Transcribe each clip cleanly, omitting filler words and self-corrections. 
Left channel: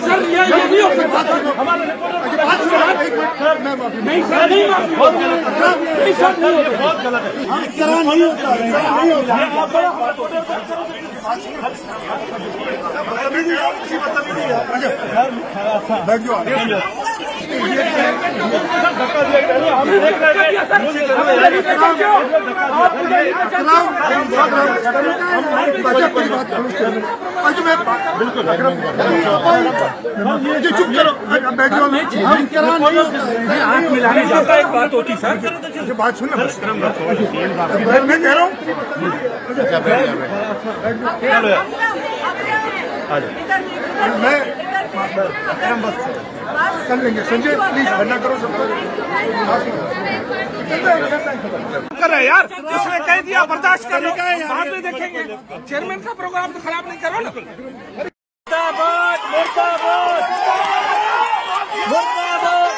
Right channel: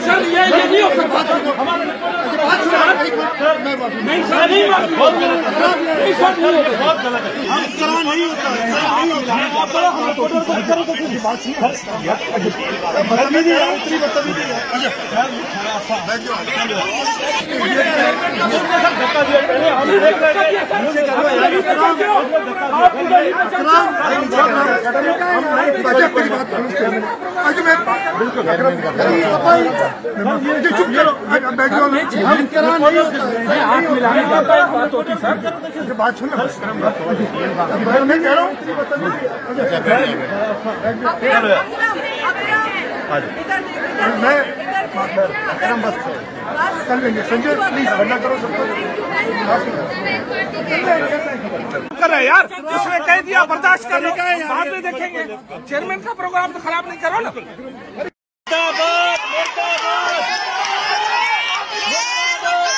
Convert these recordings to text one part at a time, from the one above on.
Sir, ये नहीं हो सकता। हमारे नहीं सर, नहीं सर, बहुत गलत है। हम करा नहीं होता है, बिल्कुल चुप करो। हम करा नहीं होता है, हाथ मिलाने जाता है, बात होती सर, बात सुनो। मैं कर लेंगे। संजय प्लीज बंदा करो सबको। कर रहे यार, इसने कह दिया बर्दाश्त कर लो, बाद में देखेंगे। चेयरमैन का प्रोग्राम तो खराब नहीं करो ना। मुर्दाबाद मुर्दाबाद मुर्दाबाद,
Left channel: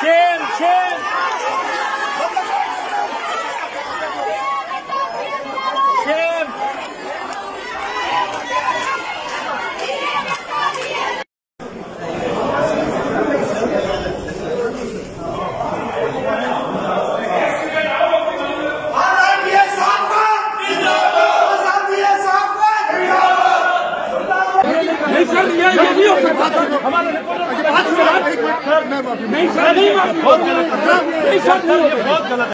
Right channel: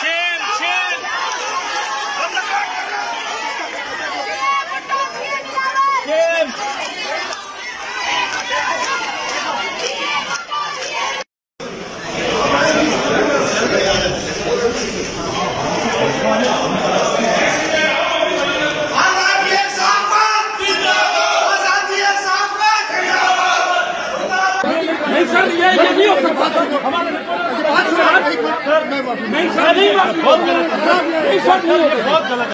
शेर शेर शेर। सर, ये नहीं हो सकता। हमारे नहीं सर, नहीं सर, बहुत गलत है।